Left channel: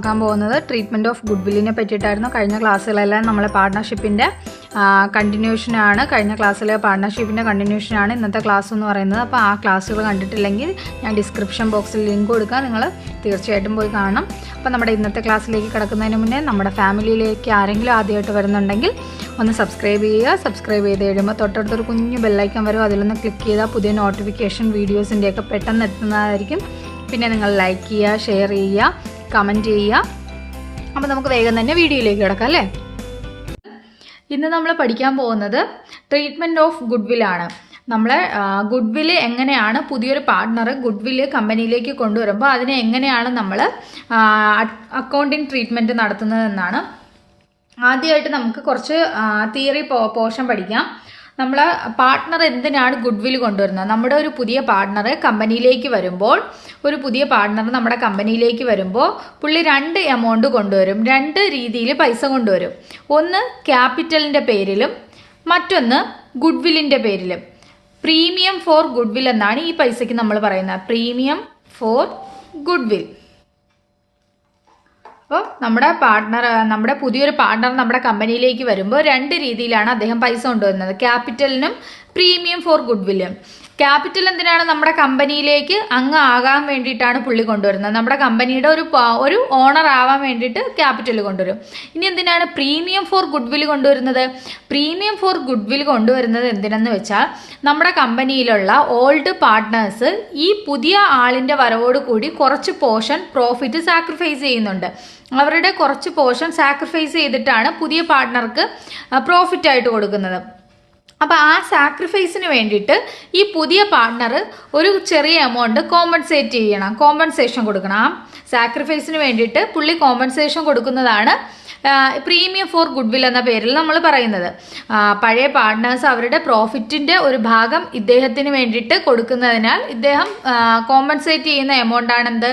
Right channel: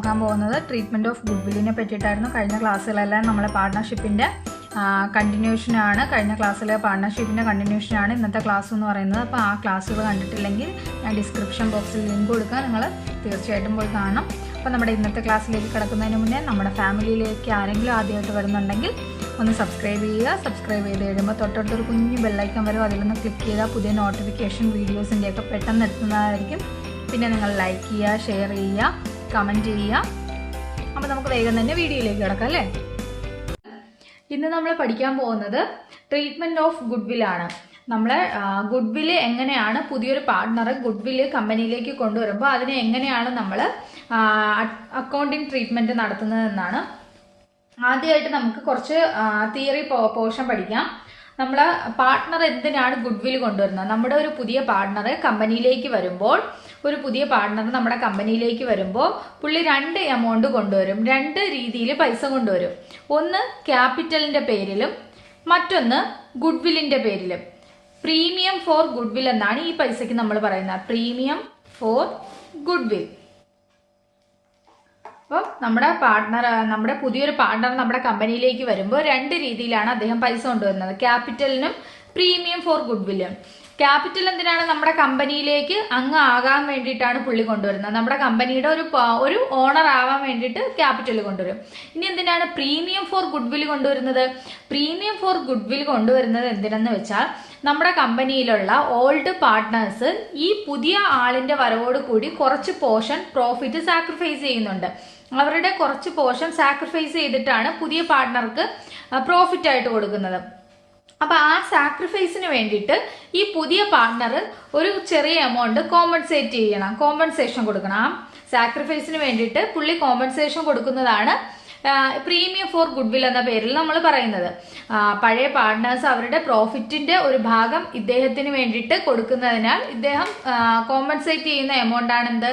നോക്കാൻ പോകുന്നത് treatment of ഗുഡ് വില്ലിനെ പറ്റിയിട്ടായിരുന്നു. കഴിഞ്ഞ ക്ലാസ്സുകളെല്ലാം നമ്മളെ പാർട്ട്ണർഷിപ്പിന്റെ കണ്ടിന്യൂഷനാണ് കഴിഞ്ഞ ക്ലാസ്സിലെ പാർട്ട്ണർഷിപ്പിന്റെ കണ്ടിന്യൂഷനാണ് ഇന്നത്തെ ക്ലാസ് എന്ന് പറയുന്നത്. അപ്പോൾ ആ ക്ലാസ്സുകൾ കണ്ടിട്ടില്ലെങ്കിൽ ഞാൻ ഡിസ്ക്രിപ്ഷൻ ബോക്സിൽ ലിങ്ക് കൊടുക്കാം. നിങ്ങൾ തീർച്ചയായിട്ടും പോയി കാണണം. അപ്പോൾ നമ്മുടെ ഇന്നത്തെ ക്ലാസ്സിലേക്ക് കിടക്കുന്നതിന് മുന്നേ നമ്മുടെ ഫാമിലിയിലേക്ക് ആരെങ്കിലും ആദ്യമായിട്ട് വരുന്നുണ്ടെങ്കിൽ ഒന്ന് സബ്സ്ക്രൈബ് ചെയ്യുക. സബ്സ്ക്രൈബ് ചെയ്ത് കഴിയുമ്പോൾ തൊട്ടടുത്തൊരു കുഞ്ഞു ബെല്ലൈക്കൻ വരും. അതിലൊന്ന് ക്ലിക്ക് ചെയ്താൽ പുതിയ നോട്ടിഫിക്കേഷൻ വീഡിയോസിന്റെയൊക്കെ പെട്ടെന്ന് എത്തുന്നതായിരിക്കും. പിന്നെ നിങ്ങൾ ലൈക്ക് ചെയ്യുക ഷെയർ ചെയ്യുക. കമന്റ് ചെയ്യുക. അപ്പോൾ നമുക്ക് വേഗം തന്നെ വീഡിയോയിലേക്ക് കിടക്കാം അല്ലേ? ഇന്ന് നമ്മൾ പഠിക്കാൻ പോകുന്നത് ട്രീറ്റ്മെന്റ് ഓഫ് ഗുഡ് വില്ലാണ് നമ്മൾ ഗുഡ് വില്ല് എങ്ങനെയാണ് പുതിയൊരു പാർട്ട്ണർ ഗുഡ് വില്ല് കമ്പനിയിലേക്ക് കൊണ്ടുവരുമ്പോൾ അതിനെ എങ്ങനെയാണ് നമ്മൾ അക്കൗണ്ടിങ് ട്രീറ്റ്മെന്റ് നടത്തുന്നതെന്നാണ് ആദ്യമായിട്ട് നമുക്ക് കുറച്ച് തിയറി പോർഷൻ പഠിക്കാം. നമ്മൾ പാർട്ട്ണർ എന്തിനാണ് ഗുഡ് വിൽ കൊണ്ടുവരുന്നത്? നമ്മുടെ ഒരു പുതിയ പാർട്ട്ണർ കമ്പനിയിലേക്ക് വരുമ്പോൾ ഒരു പുതിയ പാർട്ട്ണർ നമ്മുടെ കമ്പനിയിലേക്ക് വരുമ്പോൾ പുള്ളി രണ്ട് എമൗണ്ട് കൊണ്ടുവരും. രണ്ട് രീതിയിൽ പൈസ കൊണ്ടുവരും. ഒന്ന് ക്യാപിറ്റലിന്റെ പേരിലും മറ്റൊന്ന് ഗുഡ് വില്ലിന്റെ പേരിലും. പ്രീമിയം ഫോർ ഗുഡ് വിൽ എന്നാണ് ഈ പൈസയ്ക്ക് നമ്മൾ പറയുന്നത്. പ്രീമിയം ഫോർ ഗുഡ് വിൽ അപ്പോൾ നമ്മുടെ പാർട്ട്ണർ നമ്മുടെ പുതിയൊരു പാർട്ട്ണർ നമ്മുടെ കമ്പനിയിലേക്ക് വരുമ്പോൾ രണ്ട് രീതിയിലാണ് അദ്ദേഹം പൈസ കൊണ്ടുവരുന്നത്. ക്യാപിറ്റലിനും പ്രീമിയം ഫോർ ഗുഡ് വില്ലും ക്യാപിറ്റൽ എന്തിനാണ് നമ്മുടെ കമ്പനിയിലേക്ക് അങ്ങ് ആകാൻ വേണ്ടിയിട്ടാണ് പുള്ളി കൊണ്ടുവരുന്നത്? നമ്മുടെ കമ്പനിയുടെ ഒരു ഒരു ഓണർ ആവാൻ വേണ്ടിയിട്ട് ക്യാപിറ്റൽ കൊണ്ടുവരും. ഇനി എന്തിനാണ് പ്രീമിയം ഫോർ ഗുഡ് വിൽ കൊണ്ടുവരുന്നത്? പ്രീമിയം ഫോർ ഗുഡ് വിൽ കൊണ്ടുവരുന്നത് എന്തിനെന്ന് വെച്ചാൽ നമ്മുടെ കമ്പനിയിലുള്ള ഓൾഡ് പാർട്ട്നേഴ്സ് ഈ പുതിയ ആളിന്റെ വരവോടുകൂടി കുറച്ച് പോർഷൻ പ്രോഫിറ്റ് സാക്രിഫൈസ് ചെയ്യുന്നുണ്ട്. അവരുടെ കുറച്ച് പോർഷൻ സാക്രിഫൈസ് ചെയ്തിട്ടാണ് പുതിയ പാർട്ട്ണർക്ക് പ്രോഫിറ്റ് ആയിട്ട് കൊടുക്കുന്നത്. അപ്പോൾ ആ സാക്രിഫൈസിന് വേണ്ടിയിട്ട് ഈ പുതിയ പാർട്ണർ ഒരു ചെറിയ എമൗണ്ട് കോമ്പൻസേറ്റ് ചെയ്യണം കോമ്പൻസേഷൻ കൊടുക്കണം. ആ സാക്രിഫൈസിന് വേണ്ടിയിട്ട് പുള്ളി കോമ്പൻസേഷൻ കൊടുക്കുന്നതാണ് പ്രീമിയം ഫോർ ഗുഡ് വിൽ എന്ന പേരിൽ നമ്മൾ പറയുന്നത്. പഴയ പാർട്ട്നേഴ്സ് അവരുടെ പ്രോഫിറ്റിന്റെ ഒരു ഭാഗം ഇദ്ദേഹത്തിന് വേണ്ടിയിട്ട് കൊടുക്കുന്നതിനാൽ ഇദ്ദേഹം കോമ്പൻസേറ്റ് ചെയ്യുന്ന എമൗണ്ട് ആണ്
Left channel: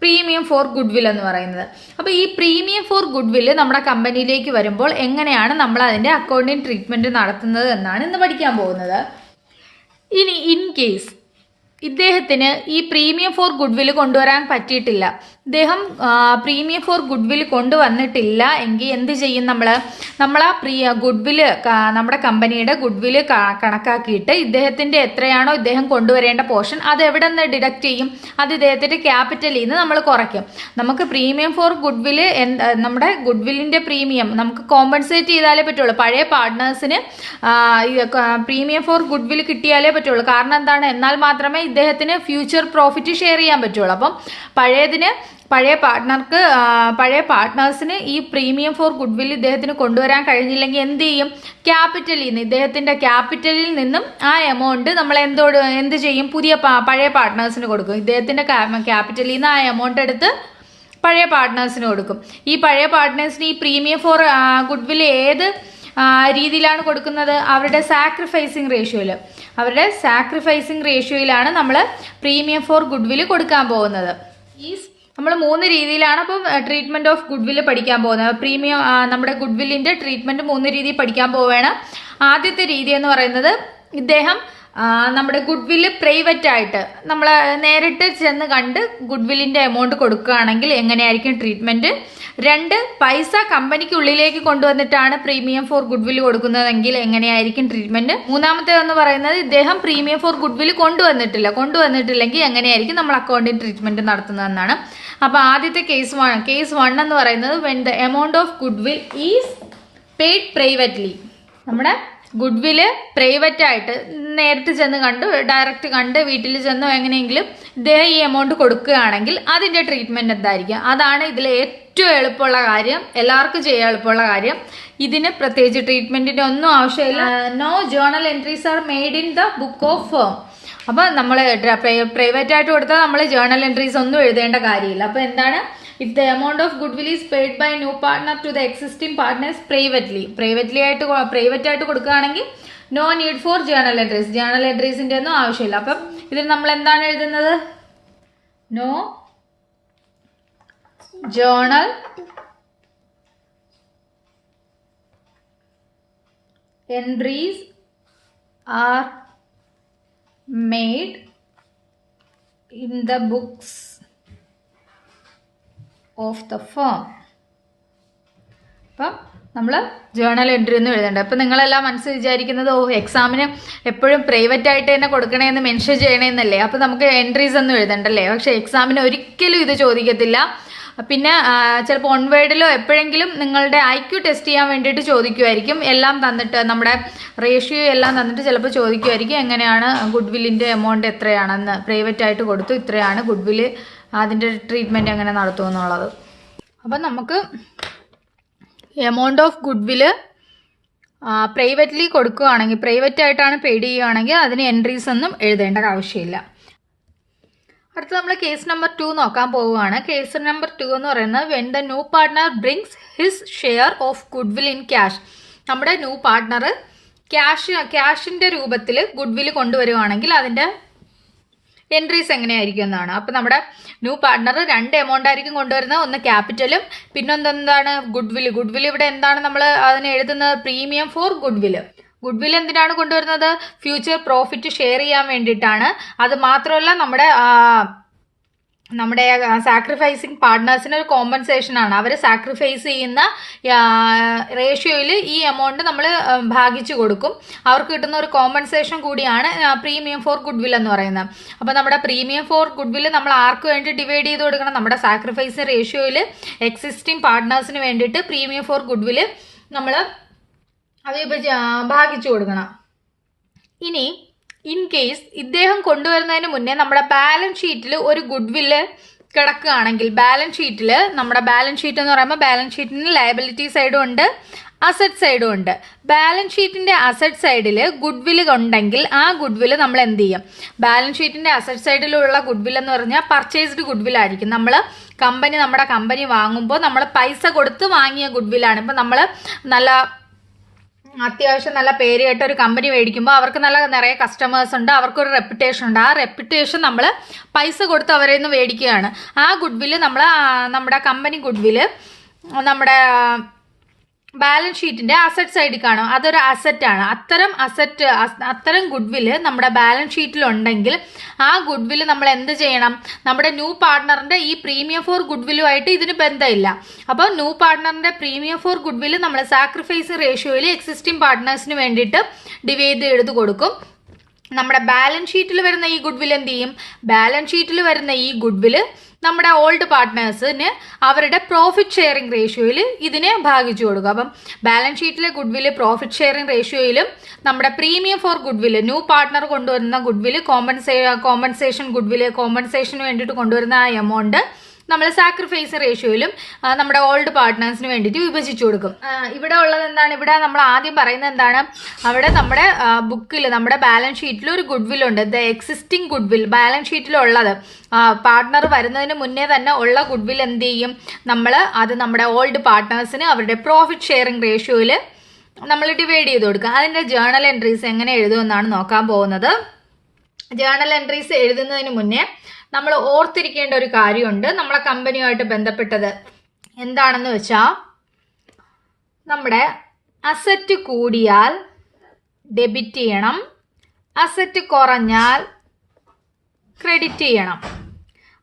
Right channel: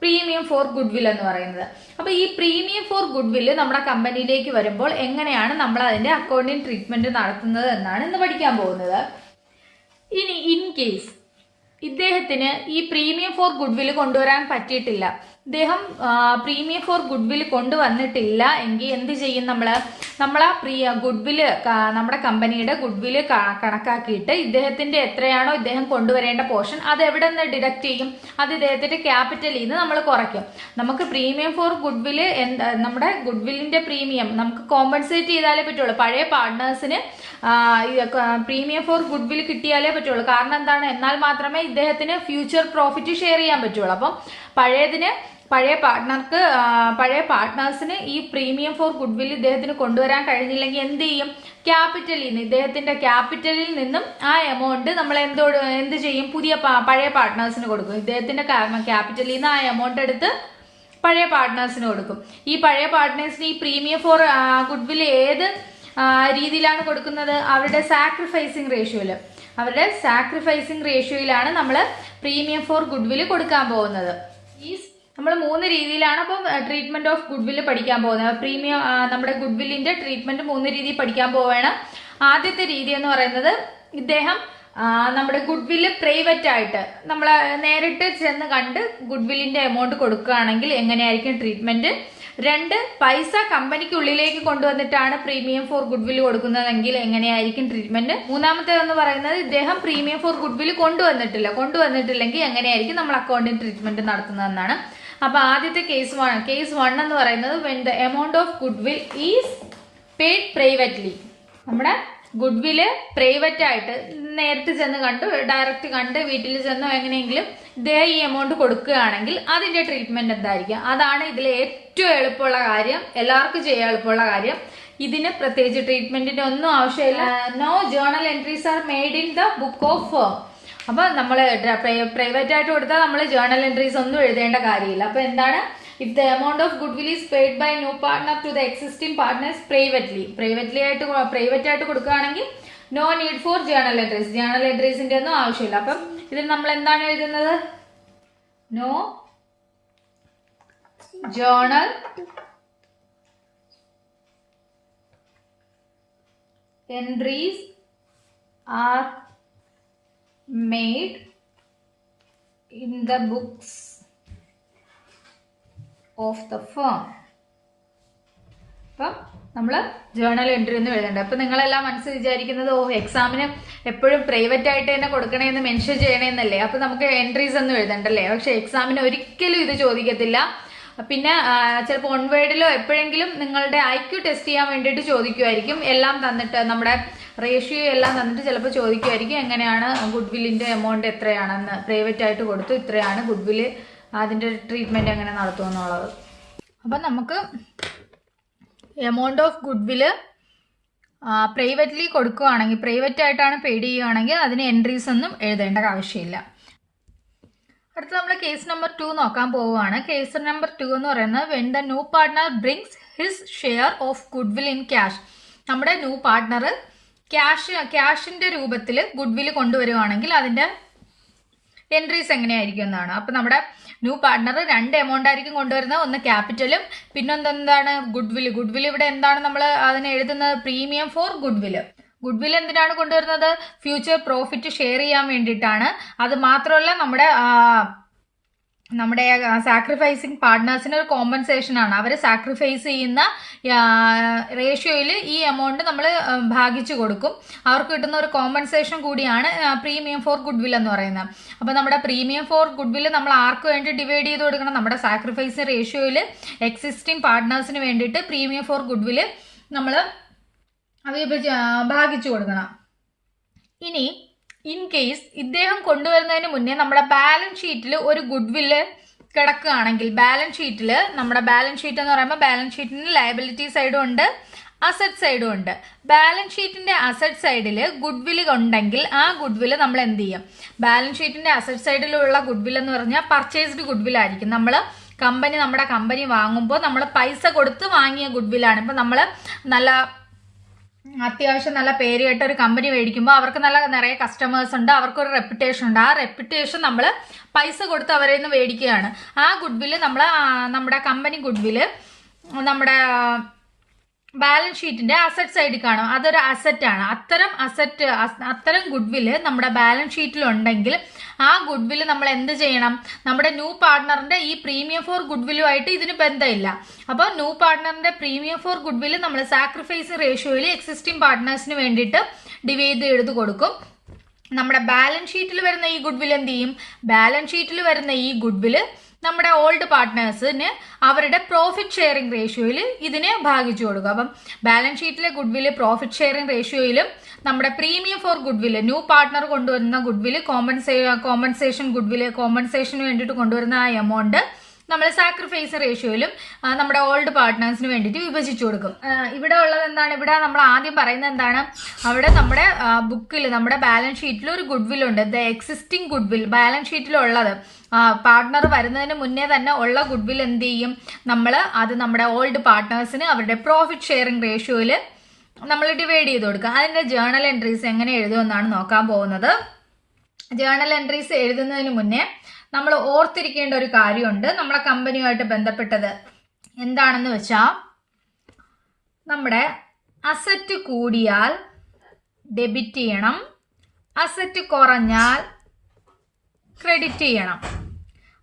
പ്രീമിയം ഫോർ ഗുഡ് വിൽ എന്ന് പറയുന്നത്. അപ്പോൾ ഈ പ്രീമിയം ഫോർ ഗുഡ് വില്ല് നമ്മുടെ കമ്പനിയിലേക്ക് വരുമ്പോൾ എങ്ങനെയാണ് നമ്മൾ അതിന്റെ അക്കൗണ്ടിങ് ട്രീറ്റ്മെന്റ് നടത്തുന്നത് എന്നാണ് ഇന്ന് പഠിക്കാൻ പോകുന്നത്. ഇനി ഇൻ കേസ് ഇദ്ദേഹത്തിന് ഈ പ്രീമിയം ഫോർ ഗുഡ് വില്ല് കൊണ്ടുവരാൻ പറ്റിയിട്ടില്ല. ഇദ്ദേഹം പ്രീമിയം ഫോർ ഗുഡ് വിൽ കൊണ്ടുവന്നിട്ടില്ല. എങ്കിൽ എന്ത് ചെയ്യും നമ്മൾ നമ്മൾ ആ പ്രീ ഗുഡ് വിൽ നമ്മുടെ കമ്പനിയുടെ ഗുഡ് വിൽ കണക്കാക്കിയിട്ട് ഇദ്ദേഹത്തിന്റെ എത്രയാണോ ഇദ്ദേഹം കൊണ്ടുവരേണ്ട പോർഷൻ അത് എവിടെ നിന്ന് ഡിഡക്റ്റ് ചെയ്യും? അത് ഇദ്ദേഹത്തിന്റെ ക്യാപിറ്റലിൽ നിന്ന് നമ്മൾ കുറയ്ക്കും. നമുക്ക് പ്രീമിയം ഫോർ ഗുഡ് വിൽ നമ്മുടെ ഗുഡ് വില്ലിന്റെ പ്രീമിയം നമുക്ക് കോമ്പൻസേറ്റ് ചെയ്താലേ പറ്റുള്ളൂ. പഴയ പാർട്ട്നേഴ്സിന് പ്രീമിയം ഫോർ ഗുഡ് വിൽ കിട്ടിയാലേ പറ്റുള്ളൂ. കാരണം എന്താണ്? എന്നാൽ മാത്രമേ ഇദ്ദേഹത്തിന് ഫ്യൂച്ചർ പ്രോഫിറ്റ് ഷെയർ ചെയ്യാൻ പറ്റുള്ളൂ. അപ്പം പഴയതിന് പഴയ പാർട്ട്ണർക്ക് പഴയ പാർട്ട്നേഴ്സിന് ഈ പ്രീമിയം ഫോർ ഗുഡ് വിൽ ഇദ്ദേഹത്തിന് കൊണ്ടുവരാൻ കഴിഞ്ഞില്ലെങ്കിൽ എന്ത് ചെയ്യും? ക്യാപിറ്റലിൽ നിന്ന് ഇദ്ദേഹത്തിന്റെ ക്യാപിറ്റലിൽ നിന്നും ആ എമൗണ്ട് നമ്മൾ എന്തോട് എന്ത് ചെയ്യും? പുതിയ പഴയ പാർട്ട്നേഴ്സിന് കൊടുക്കും. ഇദ്ദേഹത്തിന്റെ ക്യാപിറ്റലിൽ നിന്ന് ആ എമൗണ്ട് എടുത്ത് പഴയ പാർട്ട്നേഴ്സിന് കൊടുക്കും. ഈ പഴയ പാർട്ട്നേഴ്സിന് ഈ പ്രീമിയം ഫോർ ഗുഡ് വിൽ ഏത് രീതിയിലാണ് കൊടുക്കുന്നത്? അവരുടെ സാക്രിഫൈസിങ് റേഷ്യോയിൽ അവരുടെ സാക്രിഫൈസിങ് റേഷ്യോയിലാണ് നമ്മൾ പ്രീമിയം ഫോർ ഗുഡ് വിൽ കൊടുക്കാൻ പോകുന്നത്. ഈ നമ്മൾ മൂന്ന് രീതിയിലാണ് അപ്പോൾ ട്രീറ്റ്മെന്റ് ഓഫ് ഗുഡ് വില്ല് പഠിക്കാൻ പോകുന്നത്. പ്രീമിയം നമ്മുടെ ഗുഡ് ട്രീറ്റ്മെന്റ് മൂന്ന് രീതിയിൽ പഠിക്കാൻ പോവുകയാണ്. ആദ്യത്തെ രീതി എന്ന് പറയുന്നത് ഇദ്ദേഹം നമ്മുടെ ഗുഡ് വില്ല് പ്രൈവറ്റ് ആയിട്ട് നമ്മൾ നേരിട്ട് ചെന്ന് കണ്ട് ഗുഡ് വില്ലിന്റെ എമൗണ്ട് കൊടുക്കുകയാണെങ്കിൽ എങ്ങനെയായിരിക്കും ട്രീറ്റ്മെന്റ് രണ്ട് പൈസ കമ്പനിക്ക് ഉള്ളിലേക്ക് കൊണ്ടുവന്നിട്ടാണ് പ്രീമിയം ഫോർ ഗുഡ് വില്ല് കൊടുക്കുന്നതെങ്കിൽ എങ്ങനെയായിരിക്കും ട്രീറ്റ്മെന്റ് മൂന്നാമത്തേതെന്ന് പറയുന്നത് ഇദ്ദേഹം പ്രീമിയം ഫോർ ഗുഡ് വില്ല് കൊണ്ടുവന്നിട്ടില്ല. കൊണ്ടുവന്നിട്ടില്ലെങ്കിൽ എങ്ങനെയായിരിക്കും നമ്മൾ അക്കൗണ്ടിങ് ട്രീറ്റ്മെന്റ് നടത്തുന്നതെന്നാണ്. അപ്പൊ ആദ്യത്തെ കേസ് വൺ കേസ് വൺ എന്ന് പറയുന്നത് when the amount of goodwill is paid privately നമ്മുടെ ഗുഡ് വിൽ പ്രൈവറ്റ് ആയിട്ട് നേരിട്ട് ചെന്ന് കണ്ടു ഡയറക്റ്റ് കണ്ട് വീട്ടിൽ ചെന്നോ എങ്ങനെയെങ്കിലും ഇദ്ദേഹം ഈ എമൗണ്ട് കൊടുക്കുകയാണെങ്കിൽ അതിന്റെ ട്രീറ്റ്മെന്റ് എന്തായിരിക്കും? അതാണ് ഇതിൽ ഏറ്റവും എളുപ്പമുള്ള കാര്യം. എല്ലാവർക്കും ചെയ്യാൻ എളുപ്പമുള്ള കാര്യം. ഇതിന് പ്രത്യേകിച്ച് ട്രീറ്റ്മെന്റിന്റെ ഒന്നും ആവശ്യമില്ല. No journal entries are made in the book of അപ്പൊ നമ്മൾ പ്രൈവറ്റ് ആയിട്ട് കൊടുത്താൽ നമ്മൾ ജേണൽ എൻട്രീസ് ഒന്നും എഴുതേണ്ട കാര്യമില്ല. അപ്പൊ എന്താണ്? If the amount of goodwill is paid by new partner to the existing partners privately privately ആയിട്ട് പ്രൈവറ്റ് ആയിട്ട് കൊടുക്കുകയാണെങ്കിൽ no need for journal entries journal എൻട്രീസിന്റെ ഒന്നും ആവശ്യമില്ല. അപ്പം ഇതിൽ നമ്മൾ എന്താണ് എഴുതുന്നത്? No journal entries are made in the books of the firm അപ്പം നമ്മൾ ജേണൽ എൻട്രി ഒന്നും എഴുതണ്ട. അപ്പം നിങ്ങളെല്ലാം മനസ്സിൽ വിചാരിക്കുന്നത് ഓ എക്സാമിന് എപ്പോഴും പ്രൈവറ്റ് ആയിട്ട് തന്നെ കൊടുക്കണേന്ന് മെൻഷൻ ചെയ്യണേന്നല്ലേ? അപ്പം നമുക്ക് എൻട്രീസ് ഒന്നും എഴുതണ്ടല്ലേ? പക്ഷേ എക്സാമിന് ഒരിക്കലും ഇത് ചോദിക്കത്തില്ല. പിന്നെ ചിലപ്പോൾ ഓൺവേഡിലോ എപ്പോഴെങ്കിലും നിങ്ങളുടെ ഐ ക്യു ടെസ്റ്റ് ചെയ്യാൻ വേണ്ടിയിട്ട് ചോദിക്കുമായിരിക്കും എല്ലാം തന്നിട്ട് നമ്മുടെ റേഷ്യോ എല്ലാം തന്നിട്ട് ചിലപ്പോൾ ചോദിക്കുമായിരിക്കും എങ്ങനെയാണ് ഗുഡ് വില്ലിന്റെ എമൗണ്ട് എത്രയാണെന്ന്. പ്രൈവറ്റ് ആയിട്ട് കൊടുത്തു ഇത്രയാണ് ഗുഡ് വില്ല് അതിന്റെ ട്രീറ്റ്മെന്റ് എങ്ങനെ നടത്തുമെന്നുള്ളത്. അപ്പം നമുക്ക് amount of goodwill privately കൊടുക്കുകയാണെങ്കിൽ പ്രൈവറ്റ് ആയിട്ടാണ് പെയ്ഡ് ചെയ്യുകയാണെങ്കിൽ അതിന് എൻട്രീസ് ഒന്നും എഴുതേണ്ട ആവശ്യമില്ല. അടുത്ത നമ്മൾ കേസ് നമ്പർ ടു നോക്കാൻ പോവുകയാണ്. കേസ് നമ്പർ ടു എന്ന് പറയുന്നത് when the new partner brings his share of goodwill in cash നമ്മുടെ ന്യൂ പാർട്ട്ണർ ക്യാഷ് ക്യാഷിന്റെ രൂപത്തിൽ ഗുഡ് വിൽ കൊണ്ടുവരികയാണെങ്കിൽ അതിന്റെ എൻട്രീസ് എങ്ങനെയായിരിക്കും എന്നാണ്. അപ്പം നമ്മുടെ ന്യൂ പാർട്ട്ണർ രണ്ട് എമൗണ്ട് ആയിരിക്കും കൊണ്ടുവരുന്നത്. ഒന്ന് ക്യാപിറ്റലും പിന്നെന്താണ് ഗുഡ് വിൽ ഗുഡ് വിൽ ഇവിടെ എന്താണ് നമ്മൾ അതിന് എഴുതുന്നത്? Premium for goodwill goodwill എന്തിനാണ് കൊണ്ടുവരുന്നത്? ഫ്യൂച്ചർ പ്രോഫിറ്റ് ഷെയർ ചെയ്യാൻ വേണ്ടിയിട്ടാണ്. അത് മാത്രമല്ല നമ്മുടെ നമ്മുടെ സാക്രിഫൈസിങ് പാർട്ട്നേഴ്സിന് ഒരു കോമ്പൻസേഷൻ ആണ്. അവർ സാക്രിഫൈസ് ചെയ്യുന്ന റേഷ്യോയിൽ ഈ എമൗണ്ട് നമ്മൾ ഭാഗിച്ചു കൊടുക്കും. അവർക്ക് കിട്ടുന്ന ഒരു കോമ്പൻസേഷൻ കൂടിയാണ് പ്രീമിയം ഫോർ ഗുഡ് വിൽ എന്ന് പറയുന്നത്. അപ്പോൾ നമ്മുടെ പ്രീമിയം ഫോർ ഗുഡ് വിൽ നമ്മൾ ആർക്ക് വേണ്ടി ഡിവൈഡ് ചെയ്ത് കൊടുക്കണം? നമ്മുടെ സാക്രിഫൈസ് റേഷ്യോയിൽ എക്സിസ്റ്റിംഗ് പാർട്ട്നേഴ്സിന് വേണ്ടിയിട്ട് പ്രീമിയം ഫോർ ഗുഡ് വിൽ നമ്മൾ വിഭജ ഭാഗിച്ചു കൊടുക്കണം. ഇനി ഇൻ കേസ് ഇദ്ദേഹം കൊണ്ടുവരുന്നതിന് മുന്നേ നമ്മുടെ ബാലൻസ് ഷീറ്റിൽ ഒരു ഗുഡ് വില്ല് കിടക്കുകയാണെങ്കിൽ ബാലൻസ് ഷീറ്റിൽ നമ്മുടെ ബാലൻസ് ഷീറ്റ് എന്ന് പറയുമ്പോൾ ബാലൻസ് ഷീറ്റിന് ലയബിലിറ്റി സൈഡും ഉണ്ട് അസറ്റ് സൈഡും ഉണ്ട്. ബാലൻസ് ഷീറ്റിന്റെ അസറ്റ് സൈഡിൽ ഗുഡ് വില്ല് ഉണ്ടെങ്കിൽ ആ ഗുഡ് വില്ല് നമ്മൾ എന്ത് ചെയ്യും? ബാലൻസ് ഷീറ്റിന്റെ അസറ്റ് സൈഡിലുള്ള ഗുഡ് വില്ല് എന്ന് പറഞ്ഞാൽ പർച്ചേസ്ഡ് ഗുഡ് വില്ല് ആയിരിക്കും. നമ്മൾ കമ്പനി നമ്മുടെ കമ്പനി വാങ്ങുമ്പോൾ നമ്മൾ പൈസ കൊടുത്ത് വാങ്ങിയ ഗുഡ് വില്ലാണ് ഇപ്പം നമ്മൾ നല്ല അത്യാവശ്യം നല്ല പേര് കേട്ട ഒരു കമ്പനി മേടിക്കുമ്പോൾ അവർക്ക് നല്ല നിറയെ കസ്റ്റമേഴ്സ് ഉണ്ട് അവർക്കൊരു റെപ്യൂട്ടേഷൻ ഉണ്ട്. ആ റെപ്യൂട്ടേഷൻ നമ്മൾ പൈസ കൊടുത്ത് അവരെ നിന്ന് മേടിക്കുകയാണ്. ആ ഗുഡ് വില്ല് നമ്മൾ നമ്മുടെ കമ്പനി ഗുഡ് വില്ല് നമ്മുടെ ബാലൻസ് ഷീറ്റിന്റെ അസറ്റ് സൈഡിൽ കാണും. അതൊരു അസറ്റ് ആണ്. അത്തരം അസറ്റ് അത്തരം ഗുഡ് വില്ല് നമ്മുടെ ബാലൻസ് ഷീറ്റിൽ ഉണ്ടെങ്കിൽ ആ ഗുഡ് വില്ല് നമ്മൾ എന്ത് ചെയ്യണം? നമ്മുടെ ന്യൂ പാർട്ട്ണറിന്റെ ഈ പ്രീമിയം ഫോർ ഗുഡ് വില്ലുമായിട്ട് ഇതിന് ബന്ധമില്ല. അപ്പോൾ ന്യൂ പാർട്ട്ണറിന്റെ പ്രീമിയം ഫോർ ഗുഡ് വില്ല് നമ്മൾ സാക്രിഫൈസ് റേഷ്യോയിൽ എക്സിസ്റ്റിംഗ് പാർട്ട്നേഴ്സിന് വേണ്ടിയിട്ട് ഡിവൈഡ് ചെയ്ത് കൊടുക്കും. നമ്മുടെ ബാലൻസ് ഷീറ്റിൽ വരുന്ന ഈ ഗുഡ് വിൽ എന്ത് ചെയ്യും? ബാലൻസ് ഷീറ്റിൽ വരുന്ന ഈ ഗുഡ് വിൽ നമ്മുടെ ഓൾഡ് പാർട്ട്നേഴ്സിന് അവരുടെ പ്രോഫിറ്റ് ഷെയറിംഗ് റേഷ്യോയിൽ ഇതിനെ ഭാഗിച്ചു കൊടുക്കുക അപ്പം ബാലൻസ് ഷീറ്റിലെ ഗുഡ് വിൽ പ്രോഫിറ്റ് ഷെയറിംഗ് റേഷ്യോയിലും നമ്മുടെ premium for goodwill new partner കൊണ്ടുവരുന്ന ഗുഡ് വിൽ കോമ്പൻസേ കോമ്പൻസേഷൻ ഗുഡ് വിൽ കോമ്പൻസേഷന് വേണ്ടിയിട്ട് കൊണ്ടുവരുന്ന ആ എമൗണ്ട് നമ്മൾ സാക്രിഫൈസ് റേഷ്യോയിലും നമ്മുടെ ഓൾഡ് പാർട്ട്നേഴ്സിന് വേണ്ടിയിട്ട് വിഭജിച്ചു കൊടുക്കും. ഇവിടെ ഉള്ളത് എന്താണ്? ഇവിടെ നമ്മൾ ആദ്യം പറയുന്നത് എന്താണ്? അവിടെ നമ്മുടെ ബുക്കിൽ നമ്മുടെ ബാലൻസ് ഷീറ്റിൽ ഒരു ഗുഡ് വിൽ ഉണ്ട് the existing goodwill balance ഷീറ്റിലുള്ളത് പാർട്ട്ണർ വരുന്നതിന് മുന്നേ തന്നെ ഉള്ള ഗുഡ് വിൽ എന്ത് ചെയ്യും? നമ്മൾ അത് നമ്മുടെ ഓൾഡ് പാർട്ട്നേഴ്സിന് അവരുടെ പ്രോഫിറ്റ് ഷെയറിംഗ് റേഷ്യോയിൽ നമ്മൾ ഡിവൈഡ് ചെയ്ത് കൊടുക്കുക അതിന്റെ ജേണൽ എൻട്രീസ് എങ്ങനെ എഴുതുമെന്നാണ് നോക്കാൻ പോകുന്നത്. ജേണൽ എൻട്രീസ് എഴുതുന്നതിന് മുന്നേ നമ്മൾ ഓർത്തിരിക്കേണ്ട ഒരു കാര്യമുണ്ട്. നമ്മളെ കമ്പനിയുമായിട്ട് ബന്ധപ്പെട്ടത് എന്താണെന്ന് വെച്ചാൽ നമ്മുടെ അസറ്റ് കൂടിയാൽ ഡെബിറ്റ് ചെയ്യണം. അസറ്റ് കുറഞ്ഞാൽ ക്രെഡിറ്റ് ചെയ്യണം.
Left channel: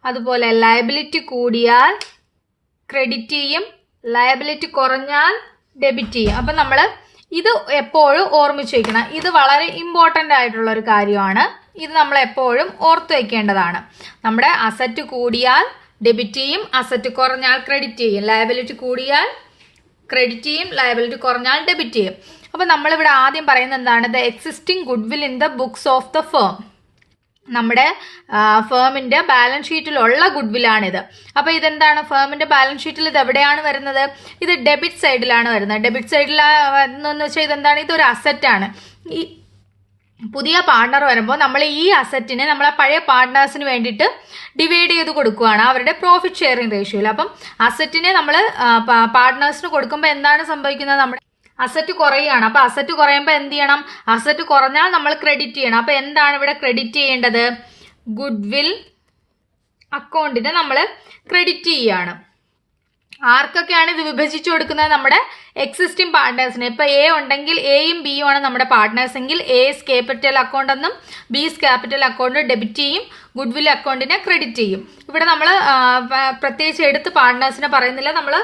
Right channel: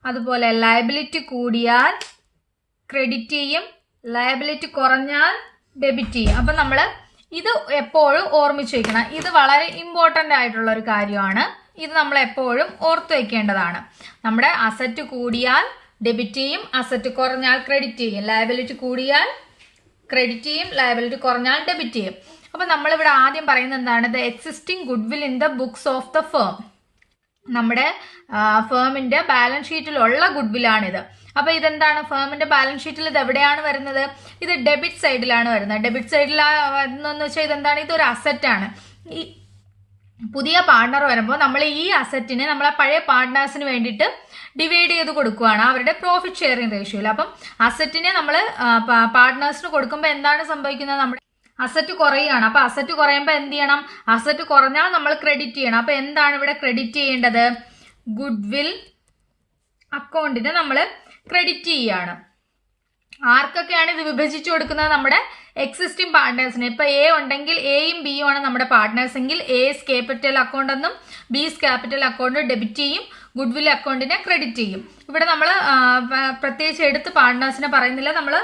അതുപോലെ ലയബിലിറ്റി കൂടിയാൽ ക്രെഡിറ്റ് ചെയ്യും. ലയബിലിറ്റി കുറഞ്ഞാൽ ഡെബിറ്റ് ചെയ്യും. അപ്പം നമ്മൾ ഇത് എപ്പോഴും ഓർമ്മിച്ച് വയ്ക്കണം ഇത് വളരെ ഇമ്പോർട്ടന്റ് ആയിട്ടുള്ള ഒരു കാര്യമാണ്. ഇത് നമ്മൾ എപ്പോഴും ഓർത്ത് വയ്ക്കേണ്ടതാണ് നമ്മുടെ അസറ്റ് കൂടിയാൽ ഡെബിറ്റ് ചെയ്യും അസറ്റ് കുറഞ്ഞാൽ ക്രെഡിറ്റ് ചെയ്യും. ലയബിലിറ്റി കൂടിയാൽ ക്രെഡിറ്റ് ചെയ്യും ലയബിലിറ്റി കുറഞ്ഞാൽ ഡെബിറ്റ് ചെയ്യും. അപ്പോൾ നമ്മളിവിടെ ആദ്യം പറയുന്നത് എന്താണ്? The existing goodwill in the books of the firm നമ്മുടെ ഫേമിന്റെ ബാലൻസ് ഷീറ്റിലുള്ള ഗുഡ് വില്ലാണിത് അപ്പോൾ ഇതെന്താണ്? ഫേമിന്റെ ബാലൻസ് ഷീറ്റിൽ ഇത് എവിടെയാണ് വരുന്നത്? ഇത് ഡെബിറ്റ് സൈഡിലാണ് വരുന്നത്. ഡെബിറ്റ് സൈഡിൽ എന്ന് വെച്ചാൽ ഇതെന്താണ്? ഇതൊരു അസറ്റാണ് ഈ പുതിയ പാർട്ണർ വരുമ്പോൾ നമ്മൾ ഈ അസറ്റിനെ നമ്മൾ ആ പഴയ പാർട്ട്നേഴ്സിന് വേണ്ടിയിട്ട് ഡിവൈഡ് ചെയ്ത് കൊടുക്കുകയാണ് അവരുടെ പ്രോഫിറ്റ് ഷെയറിങ് റേഷ്യോയിൽ അപ്പം അസറ്റിനെ നമ്മൾ പാർട്ട്നേഴ്സിന് കൊടുക്കുമ്പോൾ എന്താണ് സംഭവിക്കുന്നത്? നമ്മുടെ അസറ്റ് കുറയുകയാണ്. അപ്പൊ അസറ്റ് കുറയുമ്പോൾ എന്ത് ചെയ്യണം? അസറ്റ് കുറഞ്ഞാൽ നമ്മൾ ക്രെഡിറ്റ് ചെയ്യണം. അപ്പൊ എന്താണ് ഇവിടെ ക്രെഡിറ്റ് ചെയ്യേണ്ടത്? ഗുഡ് വിൽ അക്കൗണ്ടിന് നമ്മൾ ക്രെഡിറ്റ് ചെയ്യുകയാണ്. ആർക്കൊക്കെയാണ് ഇത് വിഭജിച്ചു കൊടുക്കുന്നത്? നമ്മുടെ എക്സിസ്റ്റിംഗ് പാർട്ട്നേഴ്സിന് ഇപ്പൊ എ ഉണ്ടെങ്കിൽ എയും ബിയും ആണ് നമ്മുടെ പാർട്ട്നേഴ്സ് എങ്കിൽ എസ് ക്യാപിറ്റൽ അക്കൗണ്ട് എന്നും ബിസ് ക്യാപിറ്റൽ അക്കൗണ്ട് ഡെബിറ്റ് ചെയ്യും. ഗുഡ് വിൽ അക്കൗണ്ടിനെ ക്രെഡിറ്റ് ചെയ്യും. ഇവിടെ നമ്മൾ പ്രത്യേകിച്ച് എടുത്ത് പാർട്ട്നേഴ്സിനെ പറയുന്നില്ല. നമ്മൾ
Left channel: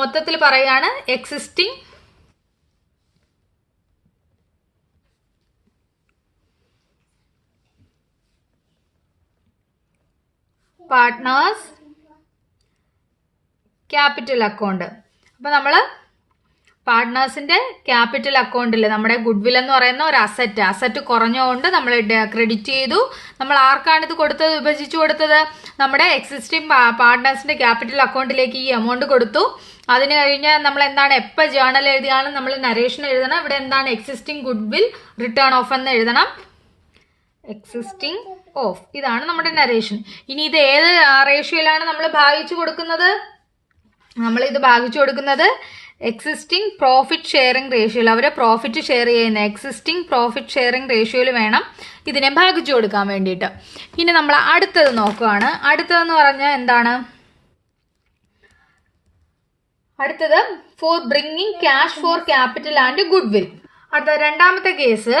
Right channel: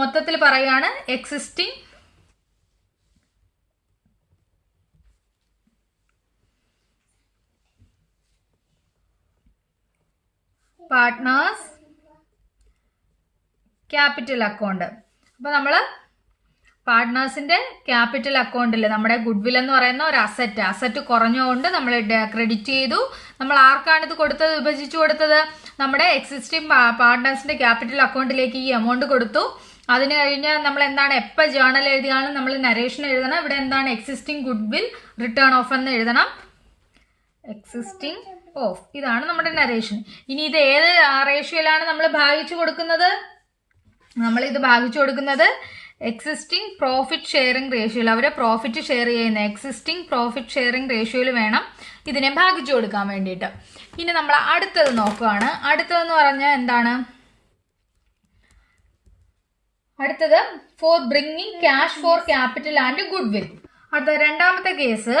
മൊത്തത്തിൽ പറയുകയാണ് എക്സിസ്റ്റിംഗ് പാർട്ട്നേഴ്സ് ക്യാപിറ്റൽ അക്കൗണ്ട് അപ്പോൾ നമ്മൾ പാർട്ട്നേഴ്സിന്റെ ക്യാപിറ്റൽ അക്കൗണ്ടിൽ നമ്മുടെ ഗുഡ്വിൽ എന്ന് പറയുന്ന ഒരു അസറ്റ് അസറ്റ് കുറഞ്ഞുകൊണ്ട് നമ്മൾ ക്രെഡിറ്റ് ചെയ്തു. നമ്മൾ ആർക്കാണ് ഇത് കൊടുത്തത്? വിഭജിച്ചു കൊടുത്തത്? നമ്മുടെ എക്സിസ്റ്റിംഗ് പാർട്ട്നേഴ്സിന്റെ ക്യാപിറ്റൽ അക്കൗണ്ടിലേക്ക് ഈ എമൗണ്ട് കൊടുത്തു. അതിന് കഴിഞ്ഞ് നമ്മൾ എന്താണ് എപ്പോൾ ജേണൽ എഴുതിയാലും നമ്മൾ നരേഷൻ എഴുതണം. ഇവിടെ എന്താണ് എക്സിസ്റ്റിംഗ് ഗുഡ്വിൽ റിട്ടേൺ ഓഫ് എന്ന് എഴുതണം. Existing off. ഇതാണ് നമ്മുടെ നരേഷൻ ഇനി ഇത് ഏത് റേഷ്യോയിലാണ് നമ്മൾ ഭാഗിച്ചു കൊടുക്കുന്നത്? നമ്മൾ ഇത് ഭാഗിച്ചു കൊടുക്കുന്നത് എക്സിസ്റ്റിംഗ് പ്രോഫിറ്റ് ഷെയറിംഗ് റേഷ്യോയിൽ അവരെ പ്രോഫിറ്റ് ഷെയർ ചെയ്യുന്ന എക്സിസ്റ്റിംഗ് പ്രോഫിറ്റ് ഷെയറിംഗ് റേഷ്യോയിൽ വേണം ഇതിനെ ഭാഗിച്ചു കൊടുക്കാൻ വേണ്ടിയിട്ട്. ഇനി നമ്മൾ അടുത്തത് നോക്കുകയാണ് അടുത്തതെന്ന് പറഞ്ഞാൽ എന്താണ്? അടുത്തത് for bringing cash for capital and goodwill അടുത്ത രണ്ടാമത്തെ കേസ്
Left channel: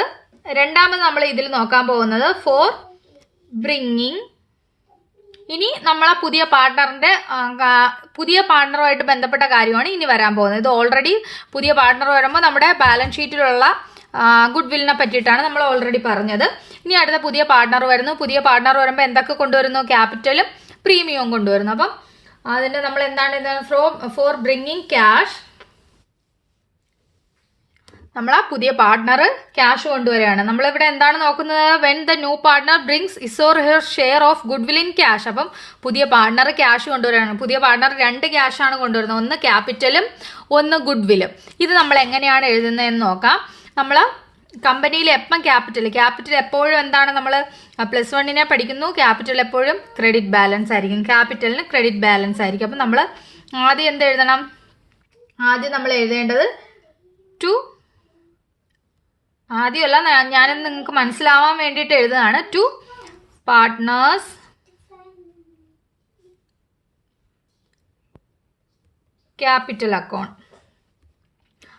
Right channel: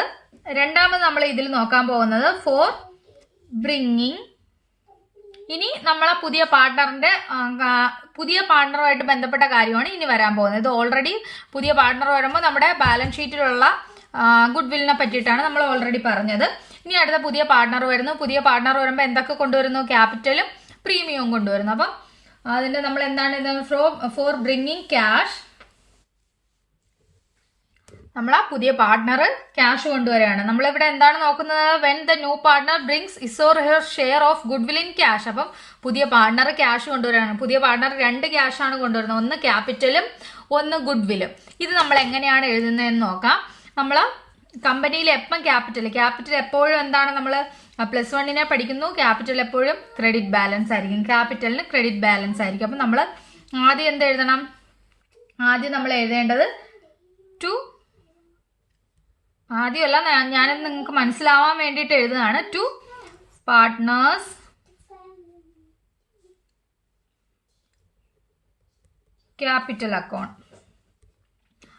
രണ്ടാമത് നമ്മൾ ഇതിൽ നോക്കാൻ പോകുന്നത് ഫോർ ബ്രിങ്ങിങ് ഇനി നമ്മളെ പുതിയ പാർട്ട്ണറിന്റെ പുതിയ പാർട്ട്ണറുമായിട്ട് ബന്ധപ്പെട്ട കാര്യമാണ് ഇനി വരാൻ പോകുന്നത്. ഇത് ഓൾറെഡി പുതിയ പാർട്ണർ വരുമ്പോൾ നമ്മുടെ ബാലൻസ് ഷീറ്റിലുള്ള ഗുഡ് വില്ലിനെ പറ്റിയിട്ടാണ് നമ്മൾ ഓൾറെഡി പറഞ്ഞത്. ഇനി അടുത്ത പുതിയ പാർട്ട്ണർ വരുന്നു. പുതിയ പാർട്ട്ണർ വരുമ്പോൾ എന്തൊക്കെ കൊണ്ടുവരുന്നു? ക്യാപിറ്റലും പ്രീമിയവും കൊണ്ടുവരുന്നു. അപ്പം അതിന്റെ നമ്മൾ എന്താണ് ഇത്? ഫ്രോ ഫോർ ബ്രിങ്ങിങ് ക്യാഷ് നമ്മൾ ആ പുതിയ പാർട്ട്ണർ ക്യാഷ് കൊണ്ടുവരികയാണ്. നമ്മളിവിടെ എന്താണ് നോക്കുന്നത്? When the new partner brings his or her share of goodwill in cash അപ്പം പുതിയ പാർട്ണർ ക്യാഷ് കൊണ്ടുവരികയാണ്. പുതിയ പാർട്ണർ രണ്ട് ക്യാഷ് ആണ് കൊണ്ടുവരുന്നത്. ഒന്ന് ക്യാപിറ്റലും ഒന്ന് ഗുഡ് വില്ലും ഇത് നമ്മൾ എങ്ങനെയാണ് എഴുതുന്നത് എന്ന് നോക്കാം. നമ്മൾ കമ്പനിയിൽ എപ്പം ക്യാപിറ്റൽ ക്യാപിറ്റൽ എപ്പോഴും എന്താണ് നമ്മൾ പ്ലസ് വണ്ണിനെ പഠിക്കുന്നു. ക്യാപിറ്റൽ എപ്പോഴും ക്രെഡിറ്റ് ബാലൻസ് ആയിരിക്കും. ക്യാപിറ്റലിന് ക്രെഡിറ്റ് ബാലൻസ് ആയിരിക്കും. അപ്പം നമ്മൾ ആദ്യം എന്ത് എഴുതണം? ആദ്യം നമ്മൾ എഴുതേണ്ടത് ടു ആദ്യമല്ല ഞാൻ നിങ്ങൾക്ക് മനസ്സിലാവാൻ വേണ്ടിയിട്ട് എഴുതുകയാണ്. ടു പാർട്ട്നേഴ്സ് ക്യാപിറ്റൽ അക്കൗണ്ട്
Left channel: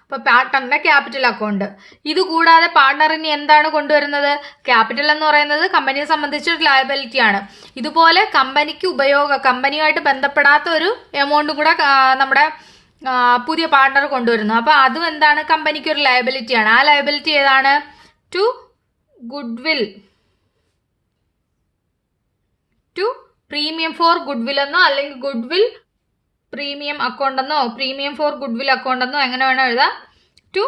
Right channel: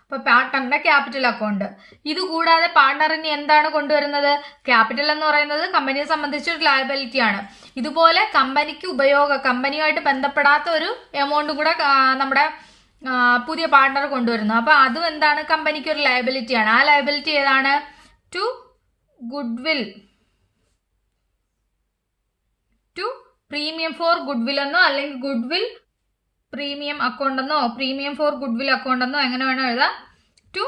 അപ്പോൾ പാർട്ട്ണറിന്റെ ക്യാപിറ്റൽ അക്കൗണ്ട് ഇത് കൂടാതെ പാർട്ട്ണറിന് എന്താണ് കൊണ്ടുവരുന്നത്? ക്യാപിറ്റൽ എന്ന് പറയുന്നത് കമ്പനിയെ സംബന്ധിച്ച് ഒരു ലയബിലിറ്റി ആണ്. ഇതുപോലെ കമ്പനിക്ക് ഉപയോഗ കമ്പനിയുമായിട്ട് ബന്ധപ്പെടാത്ത ഒരു എമൗണ്ട് കൂടെ നമ്മുടെ പുതിയ പാർട്ണർ കൊണ്ടുവരുന്നു. അപ്പൊ അതും എന്താണ്? കമ്പനിക്ക് ഒരു ലയബിലിറ്റി ആണ്. ആ ലയബിലിറ്റി ഏതാണ്? To goodwill to premium for goodwill എന്നോ അല്ലെങ്കിൽ ഗുഡ് വിൽ പ്രീമിയം അക്കൗണ്ട് എന്നോ premium for goodwill account എന്നോ എങ്ങനെ വേണോ എഴുതാം. To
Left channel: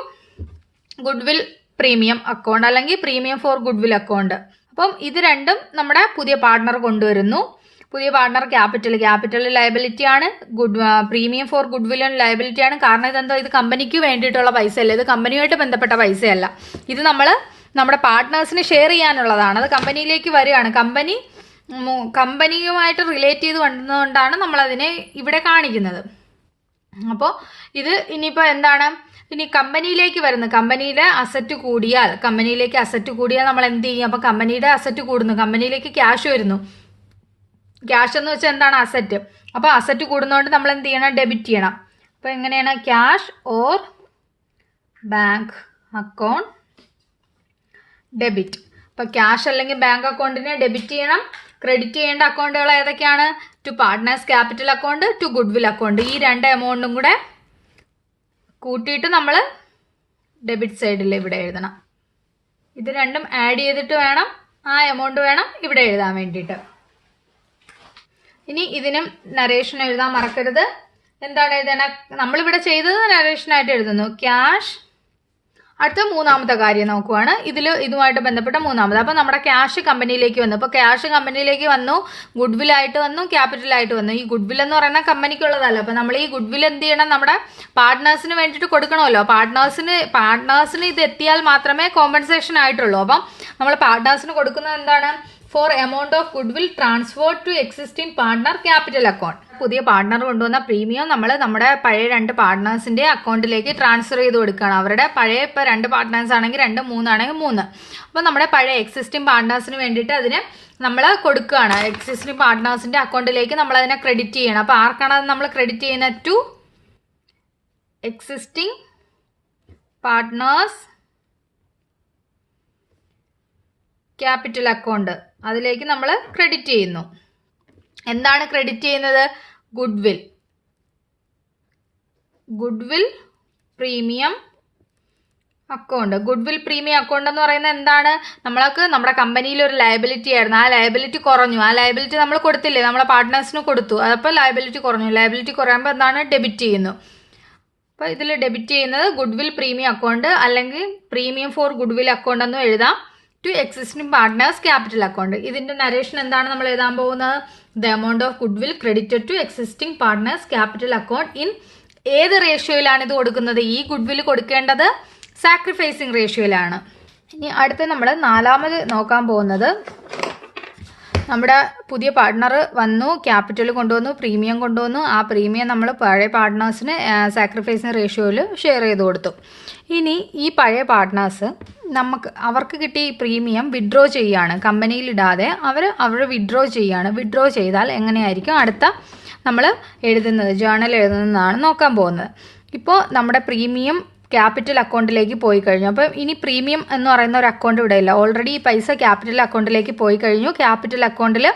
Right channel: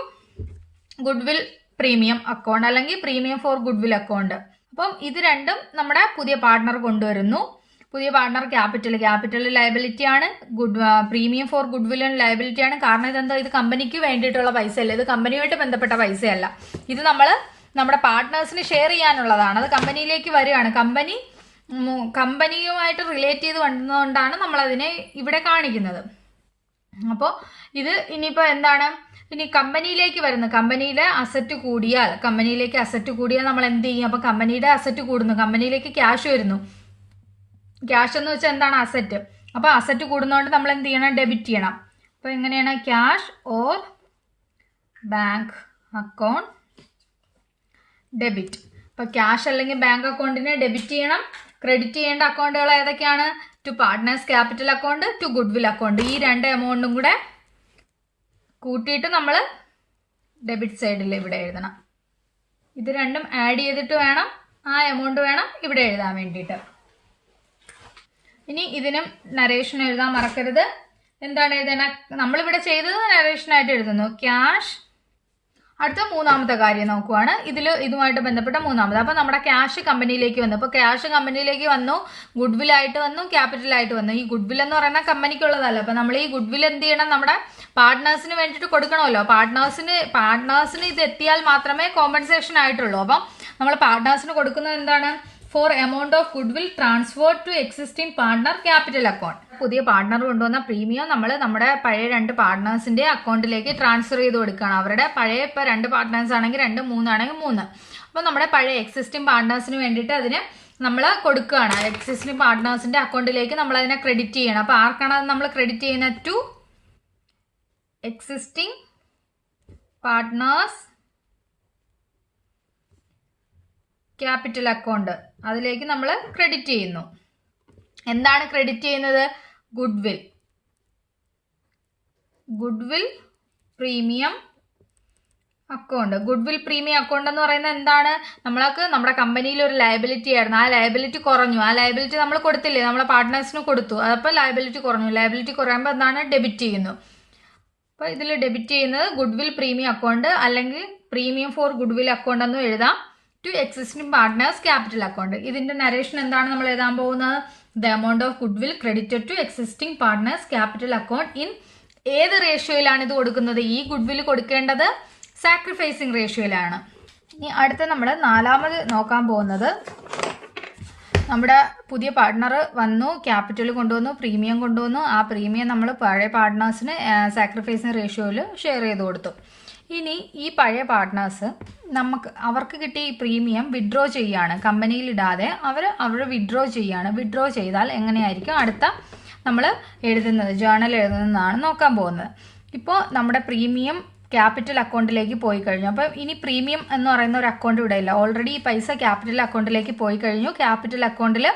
goodwill premium account അല്ലെങ്കിൽ premium for goodwill account അപ്പം ഇത് രണ്ടും നമ്മുടെ പുതിയ പാർട്ണർ കൊണ്ടുവരുന്നു. പുതിയ പാർട്ണർ ക്യാപിറ്റൽ ക്യാപിറ്റൽ ലയബിലിറ്റി ആണ്. Good premium for goodwill liability ആണ്. കാരണം ഇതെന്താ? ഇത് കമ്പനിക്ക് വേണ്ടിയിട്ടുള്ള പൈസ അല്ല ഇത് കമ്പനിയുമായിട്ട് ബന്ധപ്പെട്ട പൈസയല്ല. ഇത് നമ്മൾ നമ്മുടെ പാർട്ട്നേഴ്സിന് ഷെയർ ചെയ്യാനുള്ളതാണ്. അത് കമ്പനിയിലേക്ക് വരികയാണ്. കമ്പനി കമ്പനിയുമായിട്ട് റിലേറ്റ് ചെയ്ത് നമ്മൾ അതിനെ ഇവിടെ കാണിക്കുന്നത്. അപ്പോൾ ഇത് ഇനിയിപ്പോൾ എന്താണ്? ഇനി കമ്പനിയിലേക്ക് വരുന്നു. കമ്പനിയുടെ അസറ്റ് കൂടിയാൽ കമ്പനിയിലേക്ക് അസറ്റ് കൂടിയാൽ നമ്മൾ എന്ത് ചെയ്യും? അപ്പോൾ കമ്പനിയുടെ അസറ്റ് കൂടുന്നു. കമ്പനിയിലേക്ക് ക്യാഷ് വരുന്നു. ക്യാഷ് എന്ന് വെച്ചാൽ എന്താണ് അസറ്റ് അപ്പോൾ അസറ്റ് കൂടുന്നതുകൊണ്ട് നമ്മൾ എന്ത് ചെയ്യണം? ഡെബിറ്റ് ചെയ്യണം. അപ്പോൾ എങ്ങനെയാണ്? Cash or bank account debit അപ്പോൾ ക്യാഷ് അല്ലെങ്കിൽ ബാങ്ക് അക്കൗണ്ടിനെ ഡെബിറ്റ് ചെയ്യണം. ക്രെഡിറ്റ് ചെയ്യേണ്ട അക്കൗണ്ടുകൾ ഏതൊക്കെയാണ്? To partners capital account to goodwill account ഈ രണ്ട് എമൗണ്ടും കൂടെ കൂട്ടിയിട്ട് നമ്മൾ ഡെബിറ്റ് സൈഡിൽ ഇവിടെ എഴുതണം. ഇത് രണ്ടും ആഡ് ചെയ്തിട്ട് വേണം. ആ എമൗണ്ട് വേണം ഇവിടെ എഴുതാൻ വേണ്ടിയിട്ട്. ഇനി ഇതിനും നരേഷൻ എഴുതാൻ മറക്കരുത്. എന്താണ് എഴുതണ? നമ്മളിവിടെ ചെയ്തത് നരേഷനായിട്ട് എഴുതുന്നു. ക്യാഷ് അടുത്ത മൂന്നാമത്തെ കാര്യം നോക്കുവാണ്. ഇതിൽ ഇതുമായിട്ട് ബന്ധപ്പെട്ട മൂന്നാമത്. അപ്പോൾ നമ്മുടെ ക്യാഷ് കമ്പനിയിലേക്ക് വന്നു. അപ്പോൾ ക്യാഷ് കമ്പനിയിലേക്ക് വന്നു. ഗുഡ് വിൽ ആയിട്ട് വന്നു. ക്യാപിറ്റൽ ആയിട്ട് വന്നു. ഈ ഗുഡ് വിൽ എന്ന് പറയുന്ന കമ്പനിക്കുള്ളതല്ല. അപ്പോൾ നമ്മൾ ഈ ഗുഡ് വിൽ എന്ത് ചെയ്യണം? നമ്മുടെ പാർട്ട്നേഴ്സിന് വേണ്ടിയിട്ട് കൊടുക്കണമല്ലോ. പാർട്ട്നേഴ്സിന് പാർട്ട്നേഴ്സിന് ഇത് എത്തിയാൽ മാത്രമേ കോമ്പൻസേഷൻ ആയിട്ടുള്ളൂ. അപ്പം നമ്മൾ പാർട്ട്നേഴ്സിന് കൊടുക്കുന്നത് എന്താണ്? For amount of goodwill transfer to existing partner capital account പുതിയ പാർട്ണർ കൊണ്ടുവന്ന പ്രീമിയം നമ്മൾ നമ്മുടെ പഴയ രണ്ട് പാർട്ട്നേഴ്സിന്റെ അക്കൗണ്ടിലേക്ക് ട്രാൻസ്ഫർ ചെയ്ത് കൊടുക്കുകയാണ്. അവരുടെ പഴയ ഇപ്പോൾ രണ്ട് പാർട്ണേഴ്സ് ആണെങ്കിൽ രണ്ട് മൂന്നാണെങ്കിൽ മൂന്ന്. അപ്പോൾ നമ്മുടെ പഴയ എക്സിസ്റ്റിംഗ് പാർട്ട്നേഴ്സിന് വേണ്ടിയിട്ട് അതിന് നമ്മൾ കൊടുക്കുകയാണ്. എക്സിസ്റ്റിംഗ് പാർട്ട്നേഴ്സിന്റെ അക്കൗണ്ടിലേക്ക് നമ്മൾ അതിനെ ക്രെഡിറ്റ് ചെയ്യണം. അപ്പോൾ ആർക്കാണ് അത് നമ്മൾ ക്രെഡിറ്റ് ചെയ്യുന്നത്? To existing partners capital account അതിലേക്ക് നമ്മൾ ക്രെഡിറ്റ് ചെയ്യുന്നു. എന്താണ് ക്രെഡിറ്റ് ചെയ്യുന്നത്? Goodwill goodwill premium account goodwill premium account എന്ന് പറയുന്നത് എന്താണ്? നമ്മൾക്ക് നമ്മുടെ കമ്പനിയിൽ ഒരു ലയബിലിറ്റി ആയിരുന്നു. ആ ലയബിലിറ്റി കുറഞ്ഞു. ആ ലയബിലിറ്റി നമ്മൾ കൊടുത്തില്ലേ? നമ്മളെ പാർട്ട്നേഴ്സിന് കൊടുത്തു. അതപ്പോൾ ലയബിലിറ്റി കുറഞ്ഞു. ലയബിലിറ്റി കുറയുമ്പോൾ എന്താണ്? ഡെബിറ്റ് ചെയ്യുന്നു. അപ്പോൾ ഇതിൽ ഡെബിറ്റ് ചെയ്യുന്നത് ഗുഡ് വിൽ പ്രീമിയം അക്കൗണ്ട് അല്ലെങ്കിൽ premium for goodwill account എന്നും എഴുതാം. To existing partners capital account ഇതിന്റെ നരേഷൻ എന്താണ് നമ്മൾ എഴുതാൻ പോകുന്നത്? The amount of goodwill credited to existing partners capital account in ഏത് റേഷ്യോയിലാണ് ഇത് കൊടുക്കുന്നത്? ഈ ഗുഡ് വിൽ കൊടുക്കേണ്ടത് സാക്രിഫൈസിങ് റേഷ്യോയിലാണ് ഇനി അടുത്ത നമ്മൾ നാലാമത് നോക്കാൻ പോകുന്നത്. നമ്മുടെ പുതിയ പാർട്ട്ണർ വന്നു ക്യാപിറ്റൽ കൊണ്ടുവന്നു പ്രീമിയം കൊണ്ടുവന്നു. ആ പ്രീമിയം നമ്മൾ പഴയ പാർട്ട്നേഴ്സിന് സാക്രിഫൈസിങ് റേഷ്യോയിൽ ഷെയർ ചെയ്ത് കൊടുത്തു. ഇനി ഈ പഴയ പാർട്ട്നേഴ്സ് നമുക്ക് അവർക്ക് കിട്ടിയ ഈ പ്രീമിയം വിഡ്രോ ചെയ്യാണ്. കമ്പനിയിൽ ഇടാതെ അവർ അവർ വിഡ്രോ ചെയ്യാണ്. വിഡ്രോ ചെയ്താൽ എങ്ങനെയായിരിക്കും? അടുത്ത നമ്മൾ എഴുതുന്നത് ജേണൽ എഴുതുന്നതാണ് നോക്കാൻ പോകുന്നത്. ഇപ്പോൾ നമ്മുടെ പ്രീമിയം ക്യാപിറ്റൽ അക്കൗണ്ടിലേക്ക് പോയി കഴിഞ്ഞു അപ്പം ഇനി പ്രീമിയം എന്ന് പറയുന്ന ഒരു അക്കൗണ്ട് ഇവിടെ ഇല്ല. ഓൾറെഡി ഈ പൈസ ക്യാപിറ്റൽ അക്കൗണ്ടിലേക്ക് പോയി കഴിഞ്ഞു ക്യാപിറ്റൽ അക്കൗണ്ടിൽ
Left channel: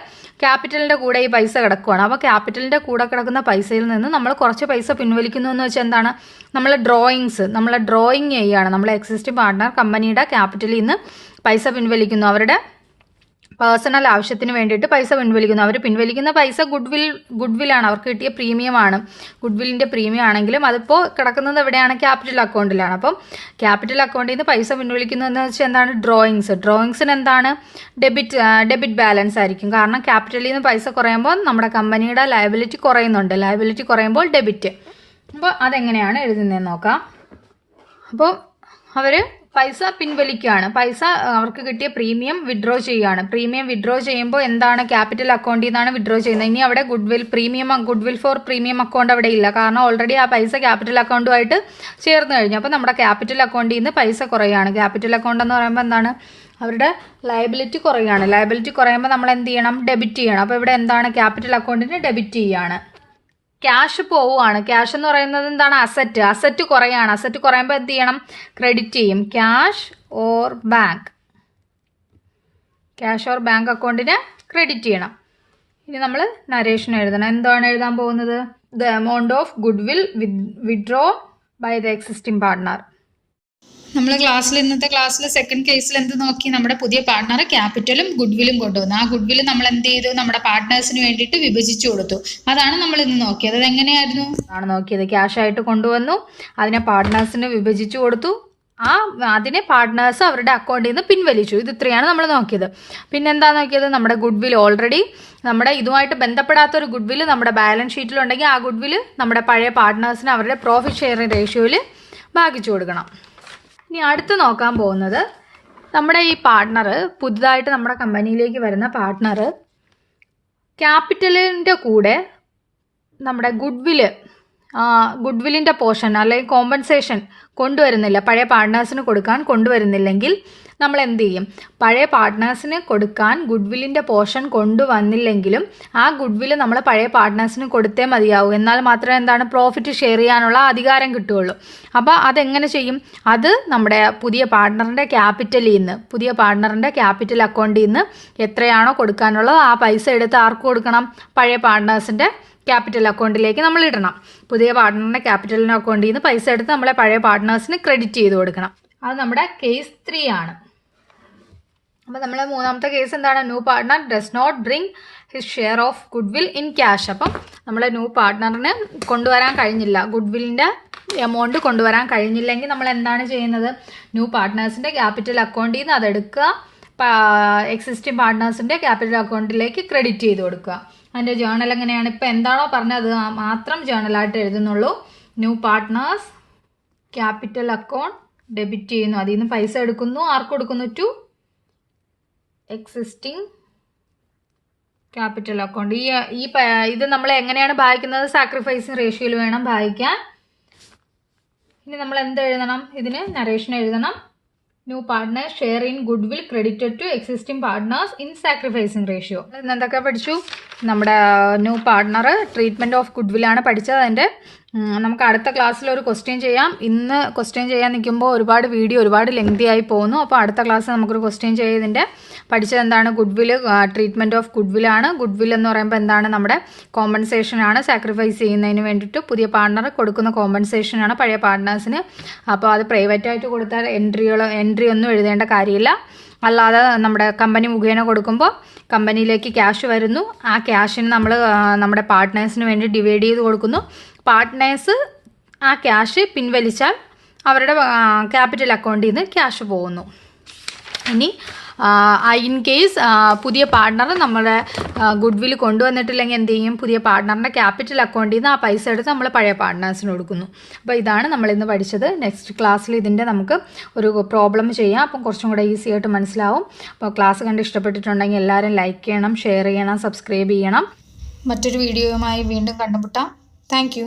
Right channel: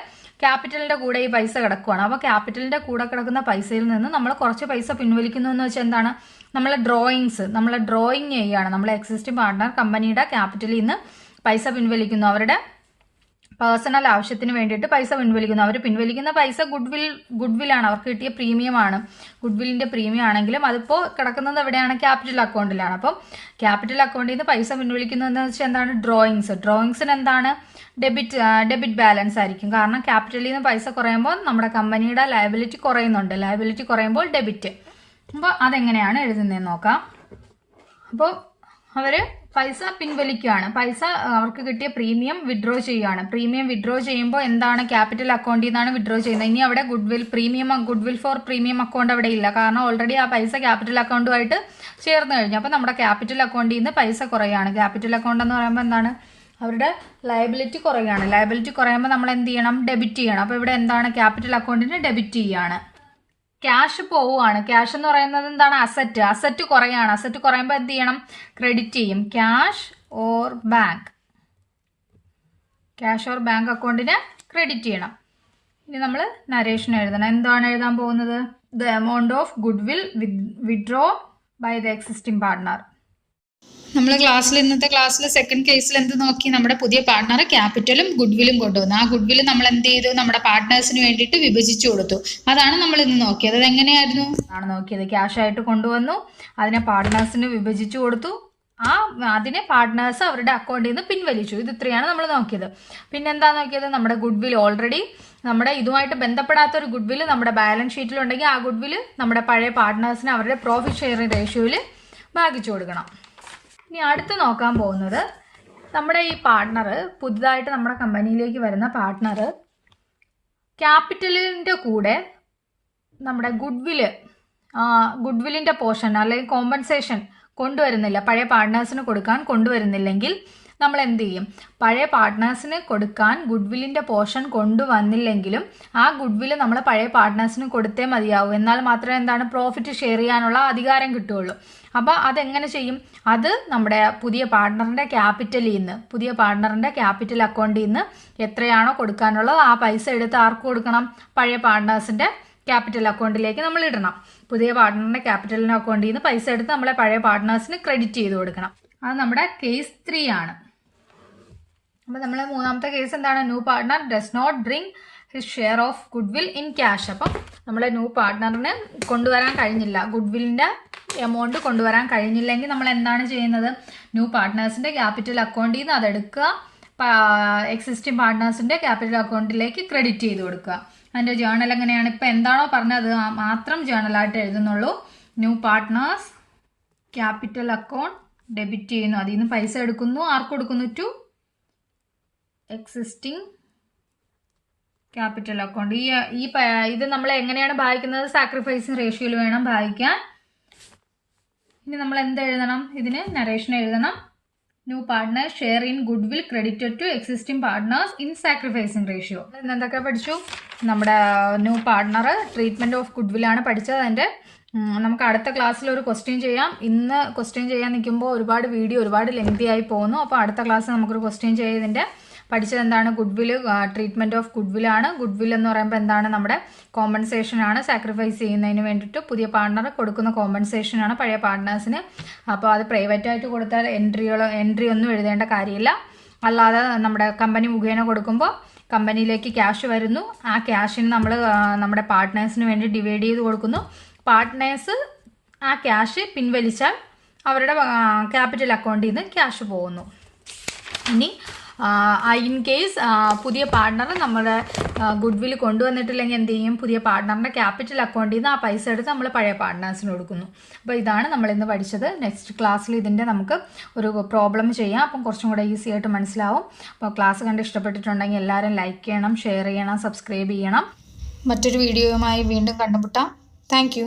ക്യാപിറ്റലിന്റെ കൂടെ ഈ പൈസ കിടക്കുവാണ്. അപ്പോൾ ക്യാപിറ്റലിന്റെ കൂടെ കിടക്കുന്ന പൈസയിൽ നിന്ന് നമ്മൾ കുറച്ച് പൈസ പിൻവലിക്കുന്നു എന്ന് വെച്ചാൽ എന്താണ്? നമ്മൾ ഡ്രോയിങ്സ് നമ്മൾ ഡ്രോയിങ് ചെയ്യുകയാണ്. നമ്മൾ എക്സിസ്റ്റിംഗ് പാർട്ട്ണർ കമ്പനിയുടെ ക്യാപിറ്റലിൽ നിന്ന് പൈസ പിൻവലിക്കുന്നു. അവരുടെ പേഴ്സണൽ ആവശ്യത്തിന് വേണ്ടിയിട്ട് പൈസ പിൻവലിക്കുന്നു. അവർ പിൻവലിക്കുന്ന പൈസ ഗുഡ് വിൽ ഗുഡ് വില്ലാണ് അവർക്ക് കിട്ടിയ പ്രീമിയമാണ്. ഗുഡ് വില്ലിന്റെ പ്രീമിയം ആണെങ്കിലും അതിപ്പോൾ കിടക്കുന്നത് എവിടെയാണ്? ക്യാപിറ്റൽ അക്കൗണ്ടിലാണ്. അപ്പം ക്യാപിറ്റൽ അക്കൗണ്ടിൽ നിന്ന് പൈസ പിൻവലിക്കുന്നതെന്ന് വെച്ചാൽ എന്താണ്? ഡ്രോയിങ്സ് ഡ്രോയിങ്സിന് എന്താണ്? ഡെബിറ്റ് ഡെബിറ്റ് ബാലൻസ് ആയിരിക്കും. കാരണം ക്യാപിറ്റലിൽ നിന്ന് പൈസ കുറയുമ്പോൾ നമ്മുടെ കമ്പനിയുടെ ലയബിലിറ്റി കുറയുന്നുണ്ട്. ലയബിലിറ്റി കുറയുമ്പോൾ ഡെബിറ്റ് അപ്പോൾ അതെങ്ങനെയാണ് എഴുതുന്നതെന്ന് നോക്കാം. അപ്പോൾ അവർ പൈസ പിൻവലിക്കുകയാണ് പൈസ അവർക്ക് കിട്ടിയ പ്രീമിയം വിഡ്രോ ചെയ്യുകയാണ് പ്രീമിയം വിഡ്രോ ചെയ്യുമ്പോൾ എന്താണ് ക്യാപിറ്റൽ അക്കൗണ്ടിൽ നിന്നാണ് വിഡ്രോ ചെയ്യുന്നത്. ഇനി അവിടെ goodwill premium goodwill for premium account അവിടെ ഇല്ല. കാരണം ഓൾറെഡി ആ പൈസ ക്യാപിറ്റൽ അക്കൗണ്ടുമായിട്ട് ചേർന്ന് കഴിഞ്ഞു. അപ്പോൾ നമ്മുടെ ക്യാപിറ്റൽ അക്കൗണ്ടിൽ നിന്ന് പൈസ കുറയുകയാണ് ക്യാപിറ്റൽ അക്കൗണ്ട് എന്ന് പറയുമ്പോൾ എന്താണ്? അവരുടെ ലയബിലിറ്റി കുറയുകയാണ് ലയബിലിറ്റി കുറയുമ്പോൾ നമ്മൾ എന്ത് ചെയ്യണം? ഡെബിറ്റ് ചെയ്യണം. അപ്പോൾ ഇവിടെ എന്താണ് ക്യാപിറ്റൽ അക്കൗണ്ടിന് ഡെബിറ്റ് ചെയ്യുകയാണ് ക്യാഷ് പോവുകയാണ് ക്യാഷ് എന്ന് പറയുന്നത് എന്താണ്? Asset asset കുറയാണ്. അസറ്റ് കുറയുമ്പോൾ എന്ത് ചെയ്യണം? ക്രെഡിറ്റ് ചെയ്യും. Cash or bank cash or bank അക്കൗണ്ടിന് credit ചെയ്യണം. ഇനി നമ്മൾ നരേഷൻ എഴുതണം. എന്താണ് എഴുതാൻ പോകുന്നത്? The amount of goodwill withdraw by the existing partner നമ്മൾ ക്ലാസ്സിൽ ഇന്നത്തെ ക്ലാസ്സിൽ സെക്കൻഡ് കേസിൽ എന്ത് നോക്കി? നമ്മുടെ പുതിയ പാർട്ട്ണർ ക്യാപിറ്റലും ഗുഡ്വില്ലും കൊണ്ടുവന്നു. ആ ഗുഡ്വിൽ നമ്മൾ എന്ത് ചെയ്തു? നമ്മുടെ പാർട്ട്നേഴ്സിന് വേണ്ടിയിട്ട് വിഭജിച്ചു കൊടുത്തു. അതാണ് നമ്മൾ ഇന്ന് നോക്കിയത്. അത് എങ്ങനെയായിരുന്നു? ആണ് നോക്കിയത്. ക്യാഷ് ആയിട്ട് കൊണ്ടുവന്നു. അതിനെ പാർട്ട്നേഴ്സിന് വിഭജിച്ചു കൊടുത്തു. ആ അതിനെ പാർട്ട്നേഴ്സ് അവരുടെ അക്കൗണ്ടിൽ നിന്ന് പിൻവലിച്ചു. ഇത് ഇത്രയാണ് നമ്മൾ നോക്കിയത്. പിന്നെ എന്താ നോക്കിയത്? നമ്മുടെ ഗുഡ്വിൽ ഓൾറെഡി നമ്മുടെ ഇതുമായിട്ട് ബന്ധപ്പെടാത്ത ഒരു ഗുഡ്വിൽ നമ്മുടെ ബാലൻസ് ഷീറ്റിലുണ്ടെങ്കിൽ ആ ഗുഡ്വിൽ നമ്മുടെ പഴയ പാർട്ട്നേഴ്സിന് അവരുടെ പ്രോഫിറ്റ് ഷെയറിംഗ് റേഷ്യോയിൽ ഭാഗിച്ചു കൊടുക്കണം. ഇനി അടുത്ത് നോക്കാൻ പോകുന്നത് നമ്മുടെ ഈ പാർട്ട്ണർ പുതുതായിട്ട് നമ്മുടെ കമ്പനിയിലേക്ക് വരുന്ന പാർട്ട്ണർ ക്യാപിറ്റലിന്റെ കൂടെ നമ്മുടെ ഗുഡ്വിൽ ഗുഡ്വില്ലിന്റെ പോർഷൻ അല്ലെങ്കിൽ കോമ്പൻസേഷൻ കൊണ്ടുവരുന്നില്ല. പഴയ പാർട്ട്നേഴ്സിന് കൊടുക്കാൻ കൊണ്ടുവരുന്നില്ലെങ്കിൽ നമ്മൾ എന്ത് ചെയ്യും പഴയ പാർട്ട്നേഴ്സിന് കൊടുക്കാൻ ഗുഡ് വില്ലിന്റെ പോർഷൻ കൊണ്ടുവന്നില്ലെങ്കിലും ആ ഗുഡ് വില്ല് നമ്മൾ പഴയ പാർട്ട്നേഴ്സിന് കൊടുത്തേ മതിയാവൂ. എന്നാൽ മാത്രമേ എന്താണ് പ്രോഫിറ്റ് ഷെയർ ചെയ്യാനുള്ള അധികാരം കിട്ടുകയുള്ളൂ. അപ്പോൾ അതെങ്ങനെ ചെയ്യും? അത് നമ്മുടെ പുതിയ പാർട്ട്ണറിന്റെ ക്യാപിറ്റലിൽ നിന്ന് പുതിയ പാർട്ട്ണറിന്റെ ക്യാപിറ്റൽ അക്കൗണ്ടിൽ നിന്ന് എത്രയാണോ കൊടുക്കാനുള്ളത് ആ പൈസ എടുത്ത് ആർക്ക് കൊടുക്കണം? പഴയ പാർട്ട്നേഴ്സിന്റെ ക്യാപിറ്റൽ അക്കൗണ്ടിലേക്ക് നമ്മൾ ഇടണം. പുതിയ പാർട്ട്ണറിന്റെ ക്യാപിറ്റലിന്റെ അക്കൗണ്ടിൽ നിന്ന് പൈസ എടുത്ത് നമ്മളെ പഴയ പാർട്ട്നേഴ്സിന് ക്രെഡിറ്റ് ചെയ്ത് കൊടുക്കണം. അത് നമ്മുടെ കേസ് ത്രീ ആണ്. അപ്പോൾ നമ്മൾ മൂന്നാമത്തെ കേസ് എന്താണ്? New partner does not bring his share of goodwill in cash അപ്പം നമ്മളെ ന്യൂ പാർട്ട്ണറിന് കൊണ്ടുവരാൻ കഴിഞ്ഞില്ല. ഗുഡ് വില്ലിന്റെ എമൗണ്ട് കൊണ്ടുവരാൻ കഴിഞ്ഞില്ലെങ്കിൽ നമ്മൾ എന്താണ് ചെയ്യുന്നത്? ന്യൂ പാർട്ട്നേഴ്സിന്റെ ക്യാപിറ്റൽ അക്കൗണ്ടിൽ നിന്ന് അതെടുക്കുക എക്സിസ്റ്റിംഗ് പാർട്ട്നേഴ്സിന്റെ ക്യാപിറ്റൽ അക്കൗണ്ടിലേക്ക് ക്രെഡിറ്റ് ചെയ്ത് കൊടുക്കുക. അതിന്റെ ജേണൽ എങ്ങനെയാണ്? ഇപ്പം എന്താണോ പറഞ്ഞത്? മാത്രം ജേണലായിട്ട് എഴുതുന്നുള്ളൂ. New partners capital account debit ചെയ്യുന്നു. അതിൽ നിന്ന് പൈസ എടുക്കുന്നു. ആർക്ക് കൊടുക്കുന്നു? ടു എക്സിസ്റ്റിംഗ് ക്യാപിറ്റൽ അക്കൗണ്ട് ഈ ഈ ഇത് നമ്മൾ എങ്ങനെയാണ് ഭാഗിക്കുന്നത് സാക്രിഫൈസിങ് റേഷ്യോയിൽ വേണം ഭാഗിക്കാൻ ഇനി നമ്മൾ എന്ത് എഴുതണം? ഇതിന് നറേഷൻ എഴുതണം. New partner share in goodwill credited to existing partners in sacrificing ratio എന്തൊക്കെ പഠിച്ചു? നമ്മുടെ new partner treatment of good വില്ലാണ് പഠിച്ചത് അതിന്റെ. നമുക്ക് അടുത്ത ക്ലാസ്സിൽ ഒരു ക്വസ്റ്റ്യൻ ചെയ്യാം. ഇന്ന് ക്വസ്റ്റ്യൻ ചെയ്യാൻ നിൽക്കുമ്പോൾ ഒരുപാട് വീഡിയോ ഒരുപാട് ലെങ്തി ആയി പോകുന്നു. അപ്പോൾ അടുത്ത ക്ലാസ്സിൽ നമുക്കൊരു ക്വസ്റ്റ്യൻ ചെയ്തതിന്റെ പഠിച്ചത് എന്താണ് good will treatment of good വില്ലാണ് good will എന്ന് പറയുമ്പോൾ എന്താണ്? നമ്മുടെ കോമ്പൻസേഷൻ ആണ് സാക്രിഫൈസ് ചെയ്യുന്നതിന് വേണ്ടിയിട്ട് പുതിയ പാർട്ണർ കൊടുക്കുന്ന കോമ്പൻസേഷൻ ആണ് പഴയ പാർട്ട്നേഴ്സിന് അപ്പോൾ അത് പ്രൈവറ്റ് ആയിട്ട് കൊടുത്താൽ എൻട്രികളോ എൻട്രി ഒന്നും എഴുതേണ്ട കാര്യമില്ല. അല്ലാതെ നമ്മുടെ കമ്പനി മുഖേന കൊടുക്കുമ്പോൾ കമ്പനിയിലേക്ക് ക്യാഷ് വരുന്നു. ആ ക്യാഷിന് നമ്മൾ നമ്മുടെ പാർട്ട്നേഴ്സിന് വേണ്ടി ഡിവൈഡ് ചെയ്ത് കൊടുക്കുന്നു. പാർട്ട്നേഴ്സ് ആ ക്യാഷ് പിൻവലിച്ചാൽ അവരുടെ ക്യാപിറ്റൽ അക്കൗണ്ടിൽ നിന്ന് ക്യാഷ് പോകുന്നു. ഇനി ഇൻ കേസ് പുതിയ പാർട്ട്ണർ നമ്മുടെ ഗുഡ് വിൽ കൊണ്ടുവന്നിട്ടില്ലെങ്കിൽ എന്ത് ചെയ്യും? പുതിയ പാർട്ട്ണറിന്റെ ക്യാപിറ്റൽ അക്കൗണ്ടിൽ നിന്ന് ആ പൈസ എടുത്ത് നമ്മൾ പഴയ പാർട്ട്നേഴ്സിന് കൊടുക്കുന്നു. അപ്പോൾ ഇതാണ് നമ്മൾ ഇന്ന് പഠിച്ചത്. നെക്സ്റ്റ് ക്ലാസ്സിൽ ഇതിന്റെ നമുക്ക് ഒരു പ്രോബ്ലം ചെയ്യാം. അപ്പം കുറച്ചും കൂടെ ഈസി ആയിട്ട് മനസ്സിലാവും. അപ്പോൾ ക്ലാസ് കണ്ട് ഇഷ്ടപ്പെട്ടിട്ടുണ്ടെങ്കിൽ എല്ലാവരും ലൈക്ക് ചെയ്യണം ഷെയർ ചെയ്യണം സബ്സ്ക്രൈബ് ചെയ്യണം. മറ്റൊരു വീഡിയോയുമായി വീണ്ടും കണ്ടുമുട്ടാം. താങ്ക്